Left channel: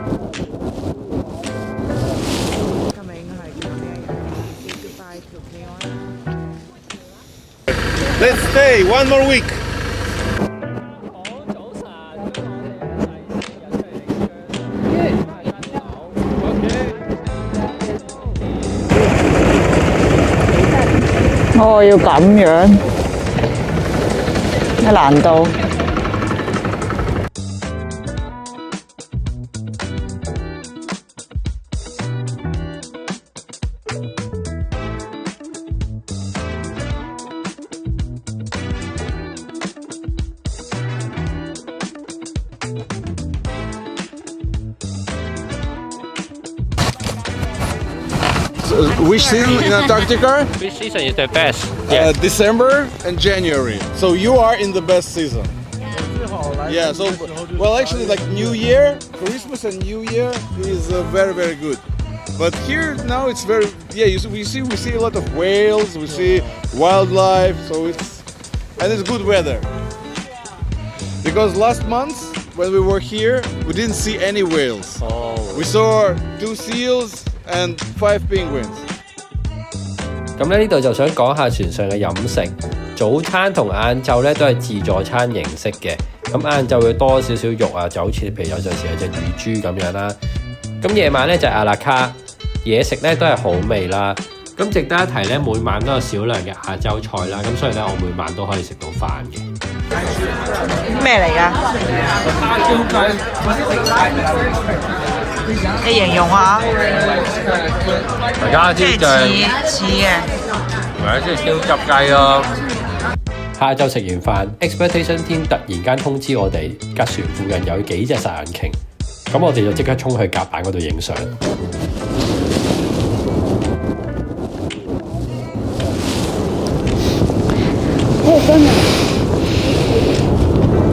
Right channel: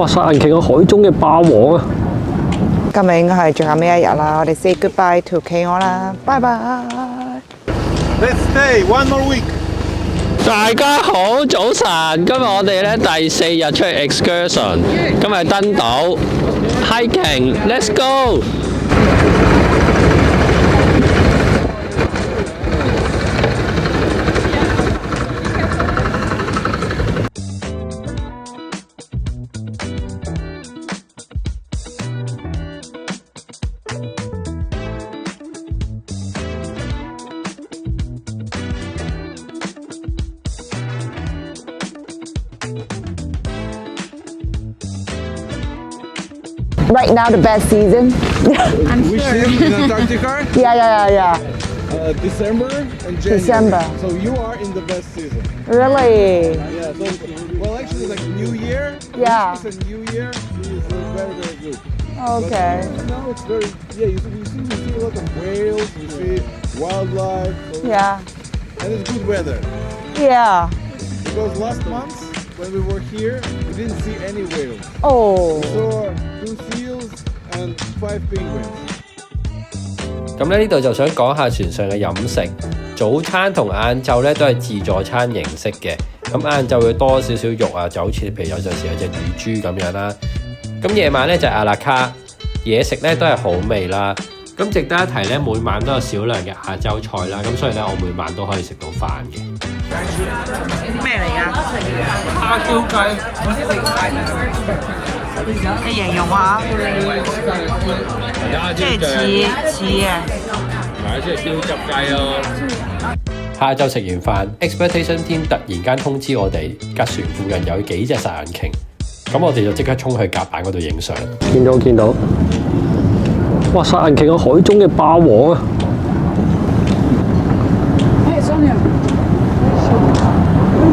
哇！殺人鯨係海中嘅霸王啊！今日應該係最後尾一日啦，我哋 say goodbye to 企鵝啦，拜拜。Let's stay one more week。大家好，早晨！今日我哋咧第4日出去 excursion， 今日登島 hiking，let's go！ 哦，要咁樣，咩難度？ Right now, the best season. Which season in Antarctica? Yeah. The best. December and January. December. So you are in the best season. Really? Yeah. So, well, actually, like New Year, Yeah. Christmas and New Year is very, very good. But Okay. here now it's very we see a lot of whales, we see wildlife, so Yeah. and it's good weather. Yeah. Because last month when we were here, we didn't see any whales. Oh. We saw 2 seals and 5 penguins. 咁咧呢度就想講下船上嘅飲食，早餐同晏晝咧都係自助餐形式嘅。咁晏晝會多少少肉啊，就好似譬如有陣時有隻乳豬咁樣啦。咁夜晚咧就係阿拉卡，嘢食咧都係好味啦。咁值得一提咧，每晚都有少量嘅亞洲菜啦。咁所以咧，我每晚都可以食到飯嘅。咩嚟㗎？蝦椒雞，你形容下，加即係似嘅。即係燒汁雞咯。下晝食完飯 ，Expedition Team 突然間通知我哋，架船附近有幾隻殺人鯨，咁我哋就即刻衝去甲板嗰度影相。見到，哇！殺人鯨係海中嘅霸王啊！真嘅！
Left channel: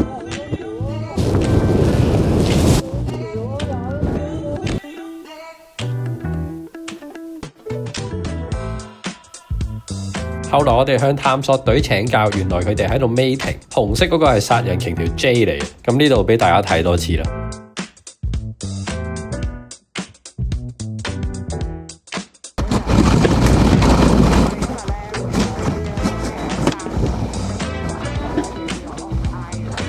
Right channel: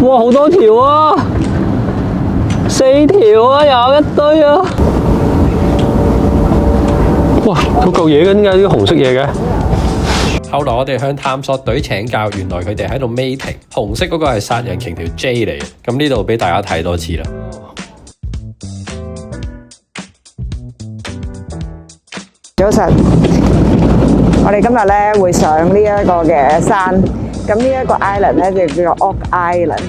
哇！好多條啊，4條啊，有一堆啊！哇！嗰嚿嘢嘅點解呢個紅色嘢嘅？後來我哋向探索隊請教，原來佢哋喺度 mating， 紅色嗰個係殺人鯨條 J 嚟嘅。咁呢度俾大家睇多次啦。早晨，我哋今日咧會上呢一個嘅山，咁呢一個 island 咧就叫做 Oak Island，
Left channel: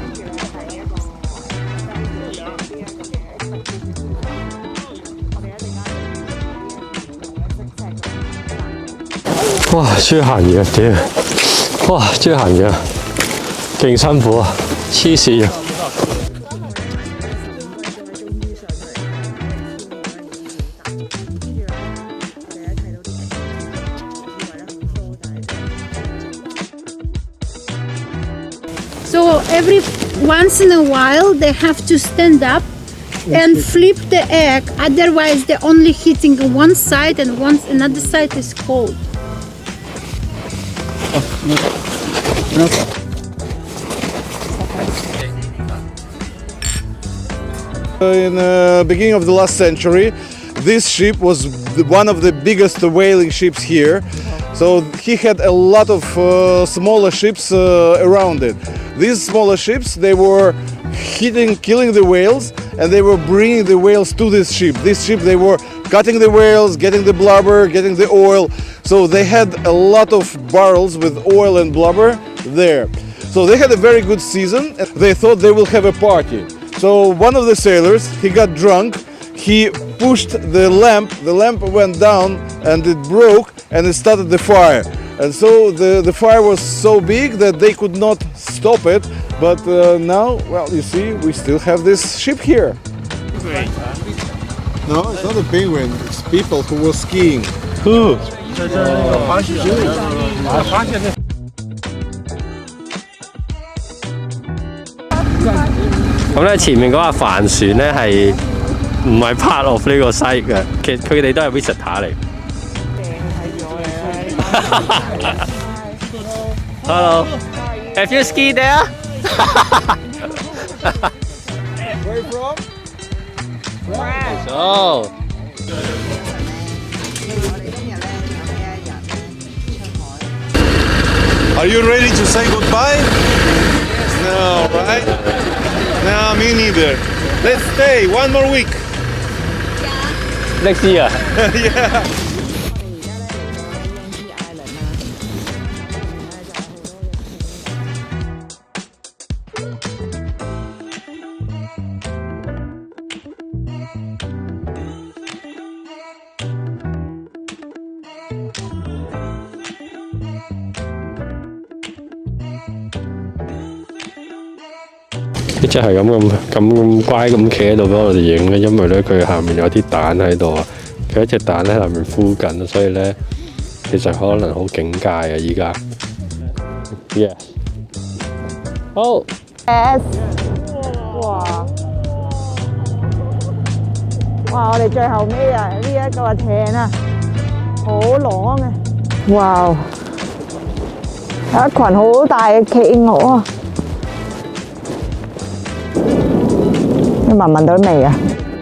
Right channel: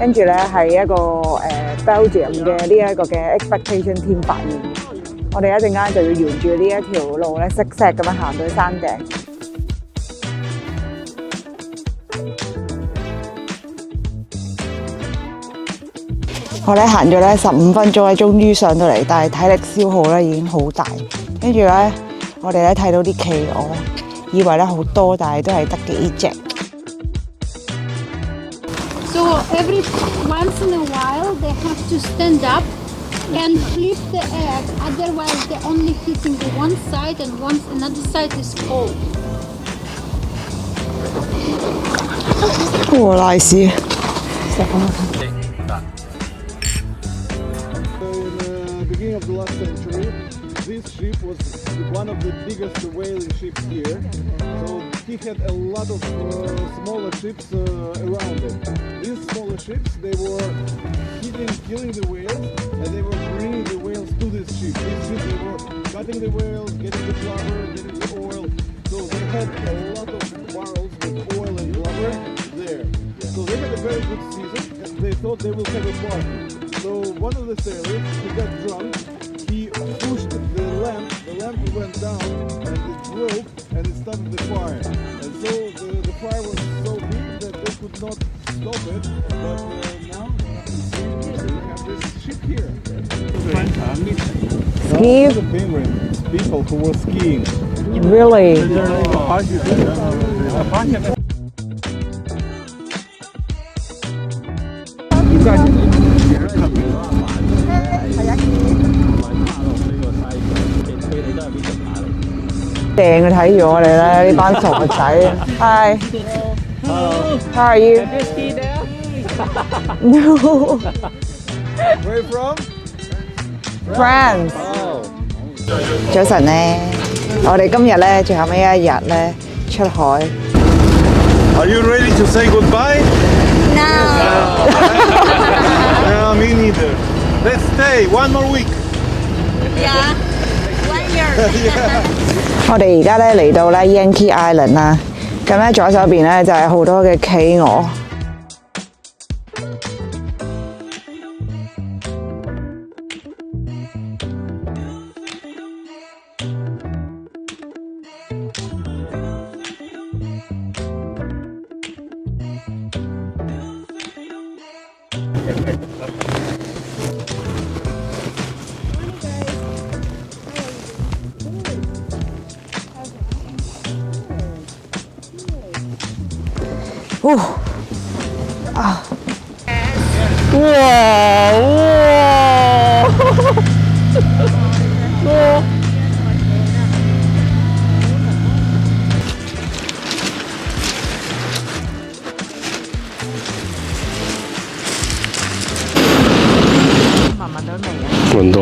跟住咧係一個Belgium 嘅呢一個嘅 Expedition Team 發現。我哋一陣間就要沿住呢一條路咧，識石咁樣行到山頂。哇！終於行完啊！屌！哇！終於行完啊！勁辛苦啊！黐線啊！我哋行咗咧15分鐘咧，終於上到嚟，但係體力消耗咧已經好大。跟住咧，我哋咧睇到啲企鵝，以為咧好多，但係都係得幾隻。So every once in a while they have to stand up and flip the egg. Otherwise, they're only hitting one side, and once another side is cold. 哇！nice。In the beginning of the last century, this ship was one of the biggest whaling ships here. So he had a lot of smaller ships around it. These smaller ships, they were killing the whales, and they were bringing the whales to this ship. This ship, they were cutting the whales, getting the blubber, getting the oil. So they had a lot of barrels with oil and blubber there. So they had a very good season, and they thought they will have a party. So one of the sailors, he got drunk, he pushed the lamp went down and it broke and it started the fire. And so the fire was so big that they could not stop it. But now, well, you see, we still have this ship here. No, it's not a penguin, it's people who were skiing. Really? 咁咧前面嗰架帆船咧係唔係 part of 呢個 site 嘅？其實佢哋都係 visitor 嚟。掟佢睇住我哋咧，呢班傻仔。Hi. Hello. How are you? Have you ski there? No. Where are you from? France. 哦。早晨咧，我哋今日咧最後尾一日咧出海。Are you ready to say goodbye? No. Me neither. Let's stay one more week. Yeah. Next year。我哋而家咧嚟到咧 Yankee Island 啦，咁咧左手邊咧就係好多嘅企鵝。一隻係咁乖咁企喺度俾我哋影咧，因為咧佢下面有啲蛋喺度啊，佢一隻蛋喺下面孵緊，所以咧其實可能好警戒啊依家。好。哇！我哋最後尾啊，呢一個艇啊，好浪啊！哇！有一群好大嘅企鵝啊！你聞唔聞到味啊？聞到。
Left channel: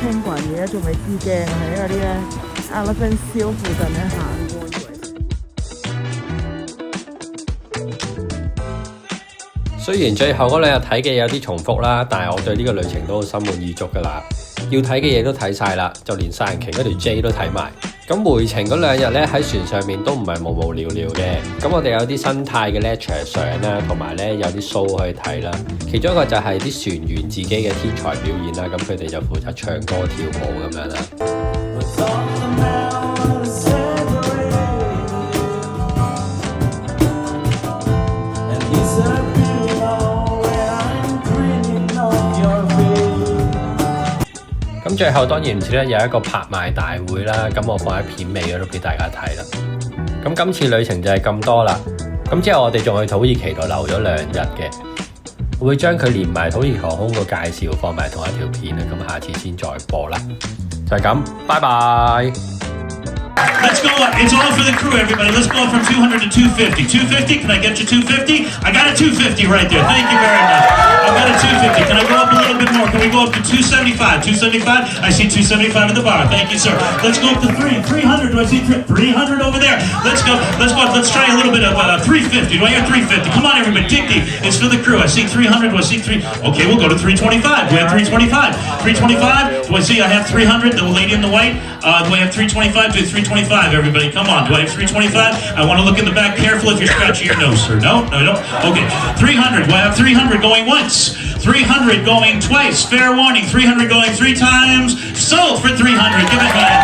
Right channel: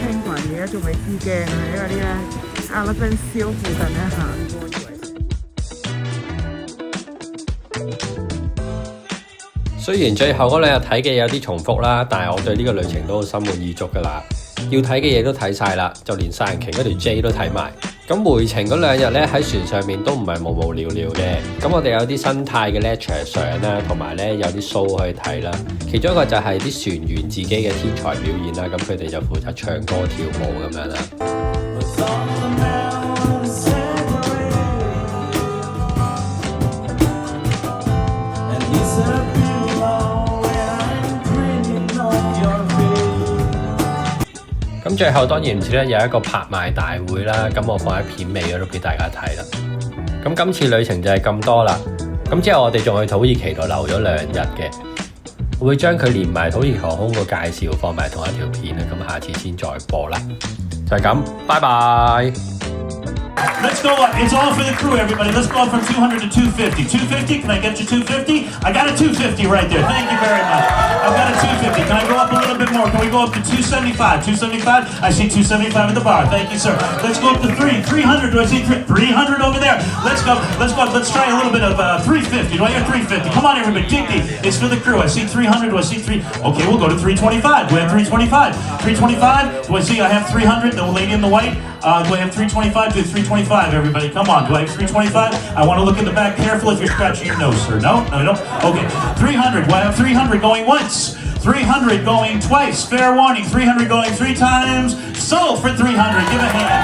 聽過而家仲未知驚啊，因為啲咧Elephant Seal附近咧行過以為。雖然最後嗰兩日睇嘅有啲重複啦，但係我對呢個旅程都好心滿意足㗎啦。要睇嘅嘢都睇晒啦，就連殺人鯨嗰條 J 都睇埋。咁回程嗰兩日咧喺船上面都唔係無聊嘅。咁我哋有啲生態嘅 lecture 相啦，同埋咧有啲 show 可以睇啦。其中一個就係啲船員自己嘅天才表演啦，咁佢哋就負責唱歌跳舞咁樣啦。咁最後當然唔少得有一個拍賣大會啦，咁我放喺片尾嗰度俾大家睇啦。咁今次旅程就係咁多啦。咁之後我哋仲去土耳其度留咗2日嘅，我會將佢連埋土耳其航空個介紹放埋同一條片啦。咁下次先再播啦。就係咁，拜拜。Let's go up. It's all for the crew, everybody. Let's go up from 200 to 250. 250, can I get you 250? I got a 250 right there. Thank you very much. I got a 250. Can I go up a little bit more? Can we go up to 275? 275? I see 275 in the bar. Thank you, sir. Let's go up to 300. Do I see 300 over there? Let's go. Let's go up. Let's try a little bit of 350. Do I hear 350? Come on, everybody. Dig deep. It's for the crew. I see 300. Do I see 3? Okay, we'll go to 325. Do we have 325? 325? Do I see I have 300? The lady in the white? Do I have 325? Do I have 325, everybody? Come on. Do I have 325? I want to look in the back. Careful if you're scratching your nose, sir. No? No, no. Okay. 300. Do I have 300 going once? 300 going twice. Fair warning. 300 going 3 times. Sold for 300. Give a hand.